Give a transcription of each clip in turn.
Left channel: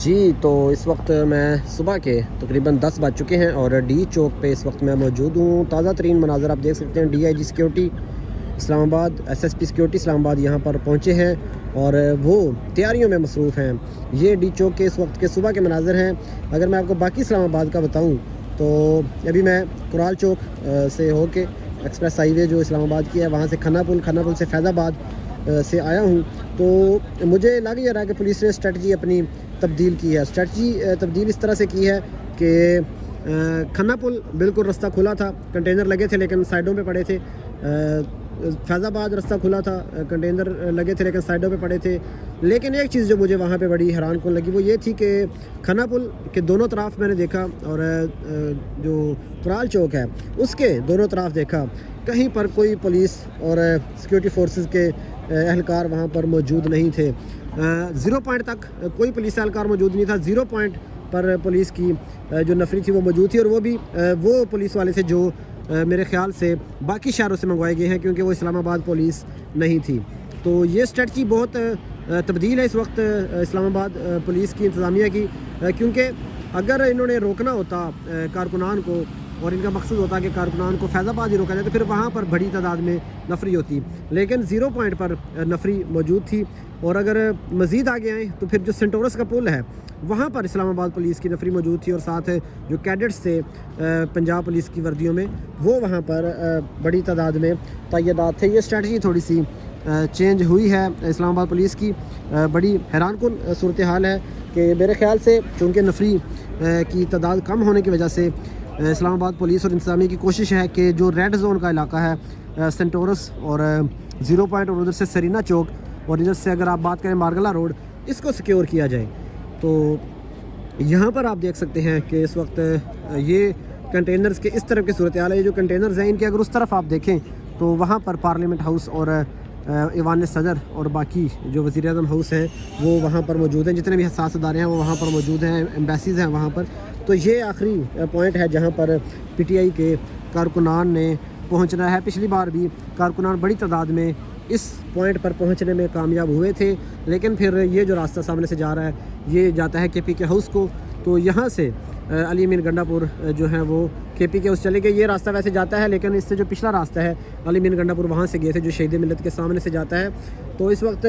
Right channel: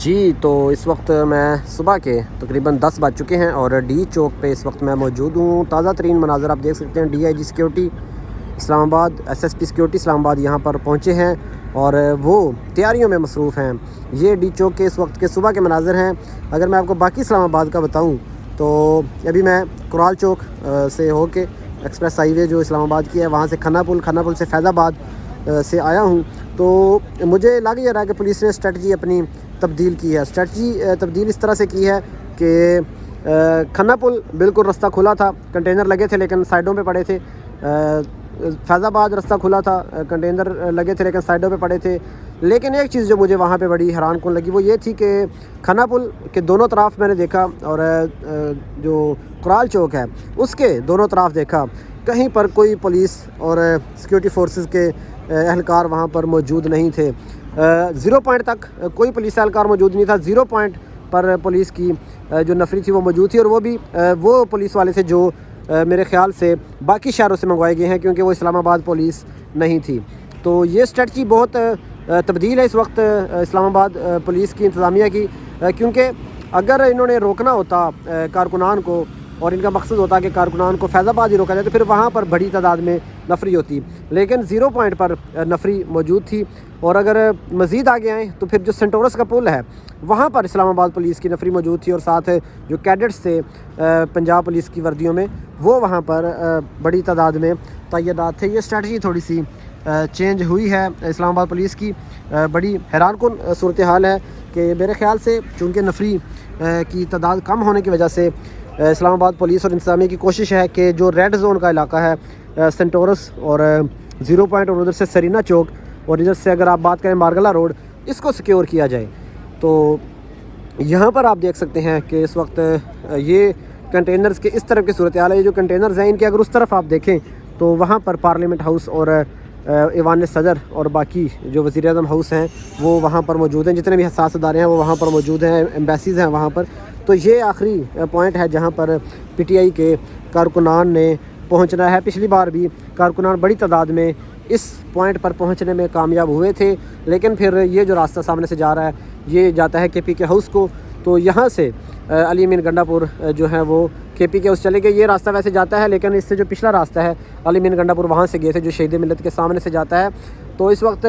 جی تو اس وقت میں صبح کے تقریباً 10 بج چکے ہیں اور ڈی چوک پہ اس وقت میں موجود ہوں۔ تازہ ترین مناظر آپ دیکھ سکتے ہیں۔ ڈی آئی جی سیکیورٹی اسلام آباد، ایس ایس پی سیکیورٹی اسلام آباد یہاں پر پہنچے ہیں اور وہ تیاریوں میں مصروف ہیں۔ یہ ڈی چوک کے اس وقت کے صبح کے مناظر ہیں۔ اگر میں آپ کو باقی اسلام آباد کا بتاؤں تو ابھی میں کرال چوک سے ہو کے ایکسپریس ہائی وے جو اسلام آباد کی ہے وہاں سے کھنا پل سے فیض آباد سے آیا ہوں، تو مجھے لگ یہ رہا ہے کہ پولیس نے اسٹریٹجی اپنی تبدیل کی ہے۔ اسٹریٹجی تبدیل اس طرح سے کی ہے کہ کھنا پل بالکل رستہ کھلا تھا، کنٹینر لگے تھے لیکن سائڈوں پہ پڑے تھے۔ فیض آباد رستہ کھلا تھا، کنٹینر لگے تھے لیکن سائڈوں پہ پڑے تھے۔ لیکن ایک چیز جو مجھے وہاں پہ بڑی حیران کن لگی وہ یہ تھی کہ کھنا پل کے دونوں طرف میں نے دیکھا اور جو کرال چوک ہے اس کے دونوں طرف دیکھا، کہیں پر کوئی پولیس اور سیکیورٹی فورسز کے اہلکار وہاں پر موجود نہیں تھے۔ 0 پوائنٹ تک کوئی پولیس اہلکار موجود نہیں تھا۔ 0 پوائنٹ پر پولیس کی جو نفری تھی وہ موجود تھی، اور وہ بھی وہ پولیس والے تھے جو میرے خیال سے باقی شہروں سے منگوائے گئے ہیں، کیونکہ وہ اسلام آباد پولیس نہیں تھی۔ تو یہ اسٹریٹجی بہت تبدیل ہے اس وقت اسلام آباد پولیس کی انتظامیہ کی، کیونکہ اگر انہوں نے روکنا ہوتا کارکنان کو اور ان کا مقصد ہوتا کہ کارکنان کو فیض آباد ہی روکا جائے تو پھر وہاں پر بڑی تعداد میں نفری ہوتی، لیکن 0 پوائنٹ پر نفری موجود تھی۔ اور اگر مزید آگے آئیں تو پھر جو سینٹورس کا پل ہے وہاں پر اسلام آباد پولیس کی نفری موجود تھی، اور ساتھ جو کیڈٹس تھے پنجاب پولیس کی وردیوں میں وہ وہاں پر بڑی تعداد میں تعینات تھے۔ یہ اسٹریٹجی تھوڑی سی چینج ہوئی ہے اسلام آباد پولیس کی۔ بڑی حیران کن صورتحال ہے کہ میرے خیال سے چونکہ نفری کی تعداد کم ہونے کی وجہ سے اسلام آباد پولیس اور انتظامیہ کی کوشش ہے کہ جو ریڈ زون کا علاقہ ہے سینٹورس اور 0 پوائنٹ اور ادھر سے سرینا چوک اور ادھر سے اگر آپ بات کریں مارگلہ روڈ، اس کو سیکیور کیا جائے۔ تو یہاں پر آپ دیکھ سکتے ہیں کہ اس وقت یہ کنٹینرز کے اس طرف کی صورتحال ہے۔ یہ جو کنٹینرز ہیں ان کے اگر اس طرف آپ دیکھیں تو وہاں پر پارلیمنٹ ہاؤس اور ایوان صدر اور باقی جو وزیر اعظم ہاؤس ہیں وہ وہاں پر موجود ہیں، جتنے بھی حساس ادارے ہیں وہ وہاں پر موجود ہیں، ایمبیسیز ہیں وہاں پر۔ تو یہ آخری پوائنٹ ہے جہاں پر پی ٹی آئی کے کارکنان نے پہنچنا ہے۔ پچھلی بار بھی کارکنان بڑی تعداد میں اس پوائنٹ پر پہنچنے میں کامیاب ہوئے تھے، لیکن پھر یہ جو راستہ سامنے سے جا رہا ہے یہ جاتا ہے کے پی کے ہاؤس کو، تو یہاں سے علی امین گنڈا پور جو ہے وہ کے پی کے ہاؤس چلے گئے۔ یہ راستہ ویسے جاتا ہے لیکن اس سے جو پچھلا راستہ ہے علی امین گنڈا پور وہاں سے گئے تھے جو شہید ملت کے سامنے سے جاتا ہے۔ تو اس وقت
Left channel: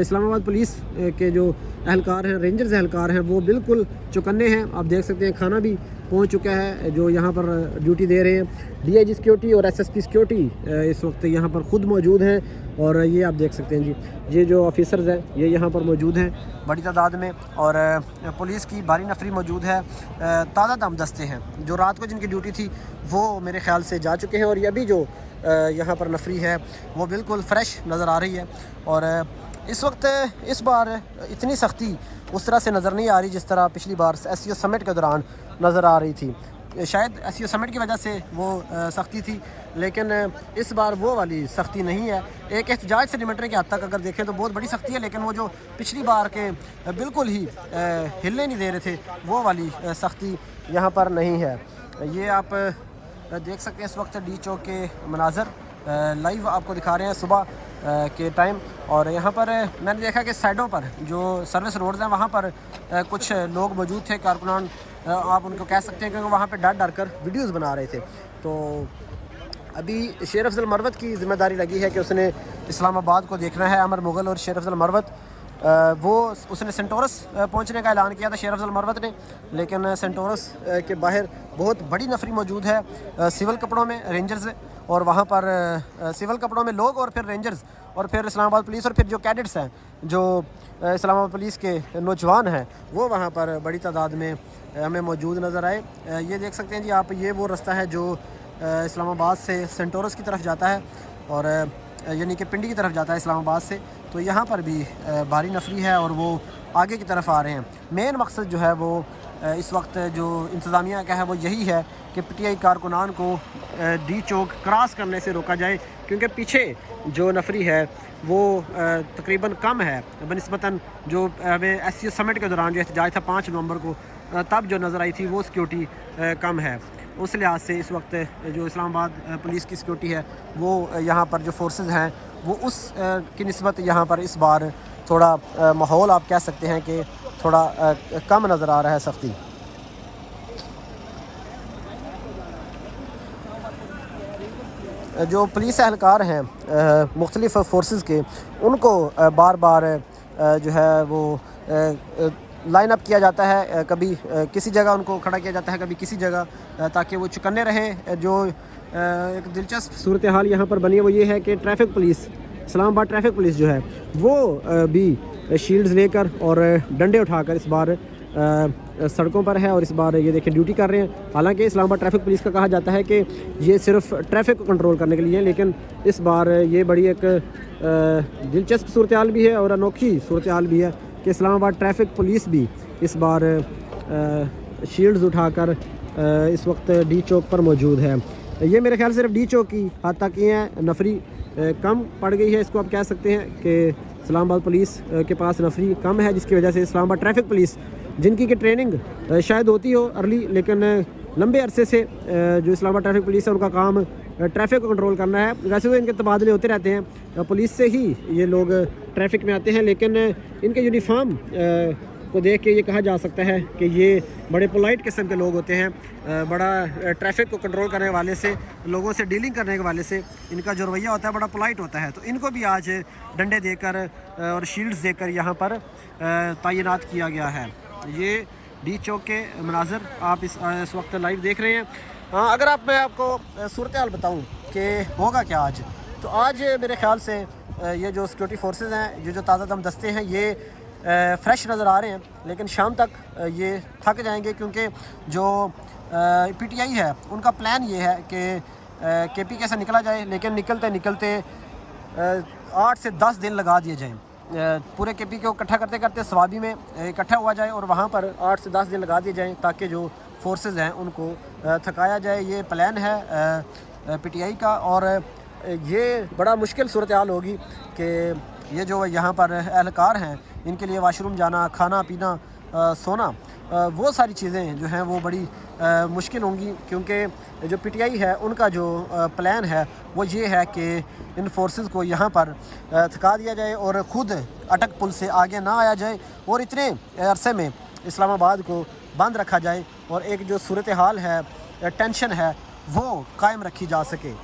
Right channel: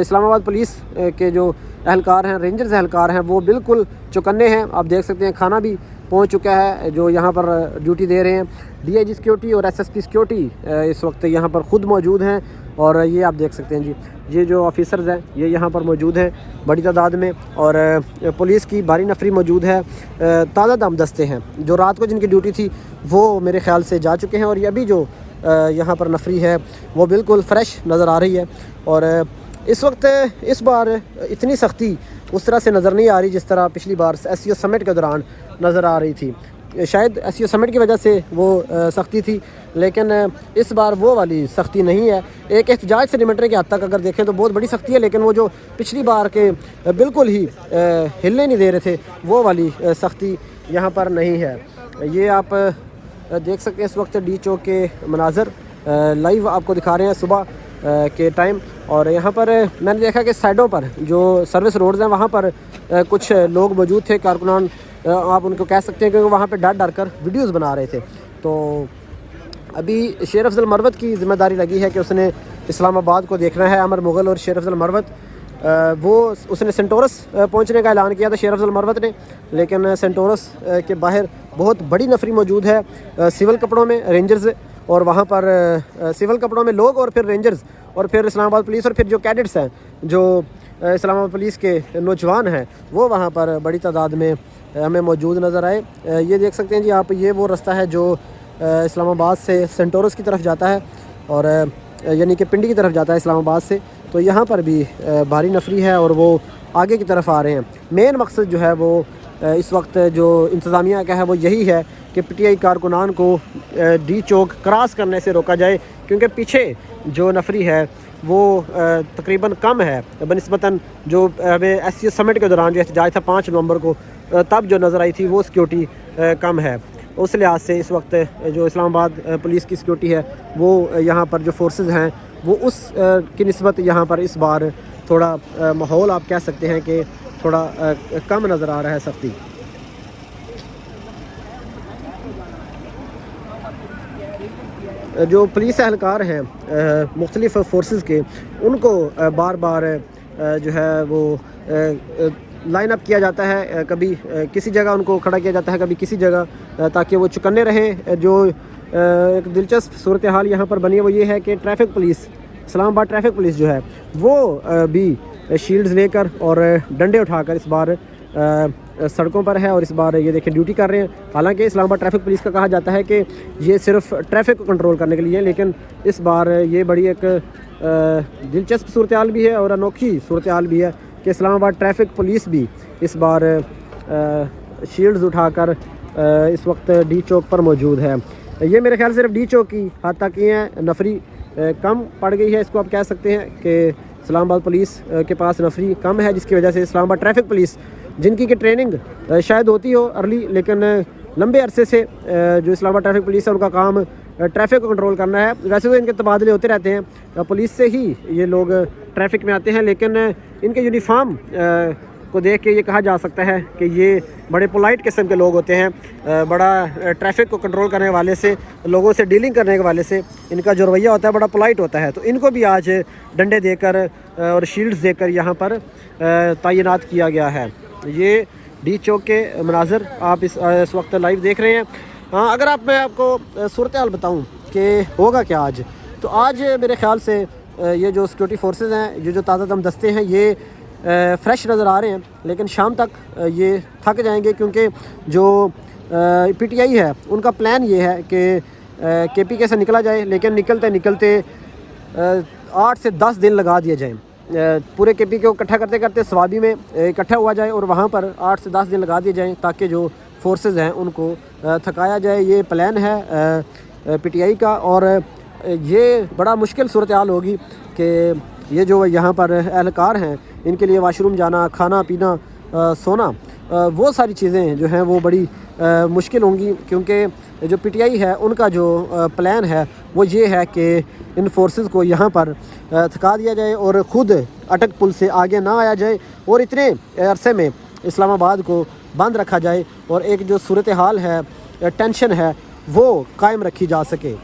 اسلام آباد پولیس کے جو اہلکار ہیں، رینجرز اہلکار ہیں، وہ بالکل چوکنے ہیں۔ آپ دیکھ سکتے ہیں کھانا بھی پہنچ چکا ہے جو یہاں پر ڈیوٹی دے رہے ہیں۔ ڈی آئی جی سیکیورٹی اور ایس ایس پی سیکیورٹی اس وقت یہاں پر خود موجود ہیں، اور یہ آپ دیکھ سکتے ہیں جی یہ جو آفیسرز ہیں یہ یہاں پر موجود ہیں بڑی تعداد میں، اور پولیس کی بھاری نفری موجود ہے۔ تازہ دم دستے ہیں جو رات کو جن کی ڈیوٹی تھی وہ میرے خیال سے جا چکے ہیں، اور یہ ابھی جو یہاں پر نفری ہے وہ بالکل فریش نظر آ رہی ہے۔ اور اس وقت اس بار اتنی سختی اس طرح سے نظر نہیں آ رہی جس طرح پچھلی بار ایس سی او سمٹ کے دوران نظر آ رہی تھی۔ شاید ایس سی او سمٹ کی وجہ سے وہ سختی تھی، لیکن اس بار وہ والی سختی نہیں ہے۔ ایک احتجاج سے نمٹنے کے حد تک اگر دیکھیں تو بہت بڑی سختی ہے، لیکن وہ جو پچھلی بار کے بالکل ہی ہلنے نہیں دے رہے تھے وہ والی سختی یہاں پر نہیں ہے۔ یہ آپ دیکھ سکتے ہیں اس وقت ڈی چوک کے مناظر لائیو آپ کو دکھا رہے ہیں صبح کے ٹائم، اور یہاں پر میں نے دیکھا کہ سائڈوں پر جو سروس روڈز ہیں وہاں پر کچھ لوگ موجود تھے، کارکنان آپ ان کو کہہ سکتے ہیں، کیونکہ وہاں پہ ڈر ڈر کر ویڈیوز بنا رہے تھے۔ تو ابھی شیر افضل مروت کی ذمہ داری لگی ہے کہ اس نے اسلام آباد کو دیکھنا ہے۔ عمر مغل اور شیر افضل مروت اس نے سینٹورس پہنچنے کا اعلان کیا تھا شیر افضل مروت نے، لیکن سینٹورس کے باہر بہت بڑی نفری موجود ہے سول کپڑوں میں، رینجرز، اور وہاں پر سول کپڑوں میں لوگ اور پھر رینجرز اور پھر اسلام آباد پولیس اور پھر جو کیڈٹس ہیں جو اسلام آباد پولیس کے نوجوان ہیں وہ وہاں پر بڑی تعداد میں ہمیں موجود نظر آئے۔ یہ دیکھ سکتے ہیں جی آپ، یہ وہ رستہ ہے جو اسلام آباد سے سینٹورس کی طرف جاتا ہے، اور یعنی کہ پنڈی کی طرف جاتا ہے اسلام آباد سے۔ تو یہاں پر بھی بھاری نفری ہے اور وہ آگے کی طرف آ رہے ہیں۔ مین مقصد جو ہے وہ اس وقت جو انتظامیہ کا ہے وہ یہی ہے کہ پی ٹی آئی کارکنان کو ڈی چوک کراس کرنے سے روکا جائے، کیونکہ پیچھے جو نفری ہے وہ تقریباً کم ہے بنسبتاً جو ہمیں ایس سی او سمٹ کے دوران جو احتجاج تھا 5 نومبر کو تب جو نظر آئی تھی وہ سیکیورٹی کم ہے۔ اس لحاظ سے اس وقت جو اسلام آباد پولیس کی سیکیورٹی ہے وہ یہاں پر جو فورسز ہیں وہ اس کی نسبت یہاں پر اس بار تھوڑا ماحول آپ کہہ سکتے ہیں کہ تھوڑا کم نظر آ رہا ہے سختی. جو پولیس اہلکار ہیں مختلف فورسز کے، ان کو بار بار جو ہے وہ لائن اپ کیا جاتا ہے، کبھی کسی جگہ ان کو کھڑا کیا جاتا ہے، کبھی کسی جگہ، تاکہ وہ چکنے رہیں. جو ایک دلچسپ صورتحال یہاں پر بنی ہے وہ یہ ہے کہ ٹریفک پولیس، اسلام آباد ٹریفک پولیس جو ہے وہ بھی شیلڈز لے کر اور ڈنڈے اٹھا کر اس بار سڑکوں پر ہے، اور اس بار یہ دیکھیں ڈیوٹی کر رہے ہیں. حالانکہ اسلام آباد ٹریفک پولیس کا کہا جاتا ہے کہ یہ صرف ٹریفک کو کنٹرول کرنے کے لیے ہے، لیکن اس بار یہ بڑی ایک دلچسپ صورتحال بھی ہے اور انوکھی صورتحال بھی ہے کہ اسلام آباد ٹریفک پولیس بھی اس بار شیلڈز اٹھا کر اس وقت ڈی چوک پر موجود ہے. یہ میرے خیال صرف ڈی چوک کی حد تک ہی ہے، نفری کم پڑ گئی ہے، اس کو آپ کہہ سکتے ہیں کہ اسلام آباد پولیس کے پاس نفری کم ہے، جس کی وجہ سے اسلام آباد ٹریفک پولیس، جن کی کہ ٹریننگ شاید ہوتی ہو ارلی، لیکن لمبے عرصے سے جو اسلام آباد ٹریفک پولیس ہے ان کا کام ٹریفک کو کنٹرول کرنا ہے. ویسے تو ان کے تبادلے ہوتے رہتے ہیں، پولیس سے ہی یہ لوگ ٹریفک میں آتے ہیں، لیکن ان کے یونیفارم کو دیکھ کے یہ کہا جا سکتا ہے کہ یہ بڑے پولائٹ قسم کے لوگ ہوتے ہیں. بڑا ٹریفک کو کنٹرول کرنے کے والے سے، لوگوں سے ڈیلنگ کرنے کے والے سے ان کا جو رویہ ہوتا ہے بڑا پولائٹ ہوتا ہے. تو ان کو بھی آج ڈنڈے دے کر اور شیلڈز دے کر یہاں پر تعینات کیا گیا ہے. یہ ڈی چوک کے مناظر آپ اس وقت لائیو دیکھ رہے ہیں. ہاں، اگر میں آپ کو صورتحال بتاؤں کہ ہوگا کیا آج، تو آج میرے خیال سے یہ جو سیکورٹی فورسز ہیں، یہ جو تازہ دم دستے ہیں، یہ فریش نظر آ رہے ہیں، لیکن شام تک یہ تھک جائیں گے، کیونکہ جو پی ٹی آئی ہے ان کا پلان یہ ہے کہ کے پی کے سے نکلا جائے، لیکن نکلتے 8 سے 10 دن لگا دیے جائیں. پورے کے پی کو اکٹھا کرتے کرتے سوابی میں اکٹھا ہوا جائے اور وہاں پر 8 سے 10 دن لگا دیے جائیں، تاکہ جو فورسز ہیں ان کو تھکایا جائے. یہ پلان ہے پی ٹی آئی کا، اور یہ بڑا مشکل صورتحال ہوگی کہ یہ جو یہاں پر اہلکار ہیں ان کے لیے واش روم جانا، کھانا پینا، سونا، وہ ساری چیزیں جو ہیں وہ بڑی مشکل ہوں گی، کیونکہ جو پی ٹی آئی ہے ان کا جو پلان ہے وہ یہ ہے کہ ان فورسز کو یہاں پر تھکا دیا جائے اور خود اٹک پل سے آگے نہ آیا جائے، اور اتنے عرصے میں اسلام آباد کو بند رکھا جائے اور ایک جو صورتحال ہے، ٹینشن ہے، وہ قائم رکھی جا سکے.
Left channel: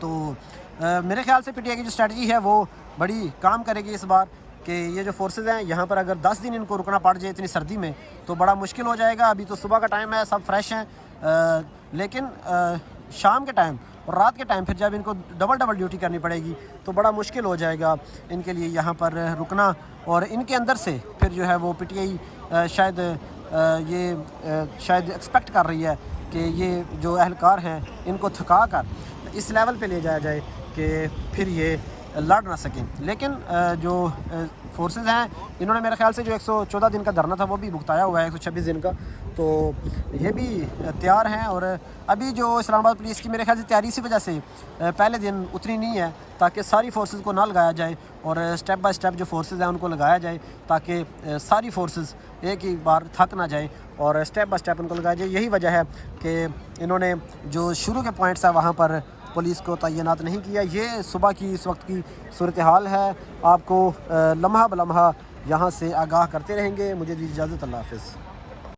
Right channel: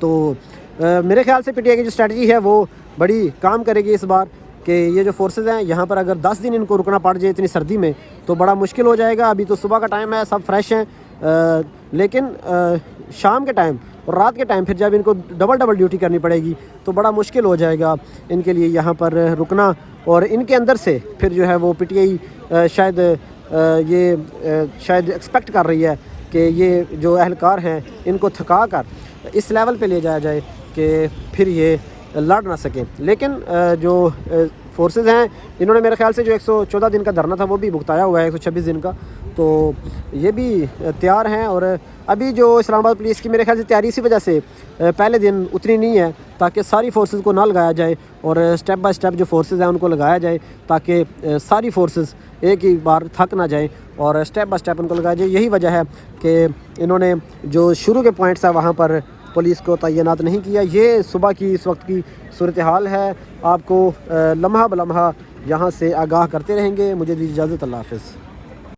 تو میرے خیال سے پی ٹی آئی کی جو اسٹریٹجی ہے وہ بڑی کام کرے گی اس بار، کہ یہ جو فورسز ہیں یہاں پر اگر 10 دن ان کو رکنا پڑ جائے اتنی سردی میں تو بڑا مشکل ہو جائے گا. ابھی تو صبح کا ٹائم ہے، سب فریش ہیں، لیکن شام کے ٹائم اور رات کے ٹائم پھر جب ان کو ڈبل ڈیوٹی کرنی پڑے گی تو بڑا مشکل ہو جائے گا ان کے لیے یہاں پر رکنا. اور ان کے اندر سے پھر جو ہے وہ پی ٹی آئی شاید ایکسپیکٹ کر رہی ہے کہ یہ جو اہلکار ہیں ان کو تھکا کر اس لیول پہ لے جایا جائے کہ پھر یہ لڑ نہ سکیں. لیکن جو فورسز ہیں انہوں نے میرے خیال سے جو 114 دن کا دھرنا تھا وہ بھی بھگتایا ہوا ہے، 126 دن کا، تو یہ بھی تیار ہیں. اور ابھی جو اسلام آباد پولیس کی میرے خیال سے تیاری اسی وجہ سے پہلے دن اتنی نہیں ہے، تاکہ ساری فورسز کو نہ لگایا جائے اور اسٹیپ بائی اسٹیپ جو فورسز ہیں ان کو لگایا جائے، تاکہ ساری فورسز ایک ہی بار تھک نہ جائیں اور اسٹیپ بائی اسٹیپ ان کو لگایا جائے. یہی وجہ ہے کہ انہوں نے جو شروع کے پوائنٹس ہیں وہاں پر پولیس کو تعینات نہیں کیا. یہ صبح کی اس وقت کی صورتحال ہے، آپ کو لمحہ بلمحہ یہاں سے آگاہ کرتے رہیں گے. مجھے دی اجازت، اللہ حافظ.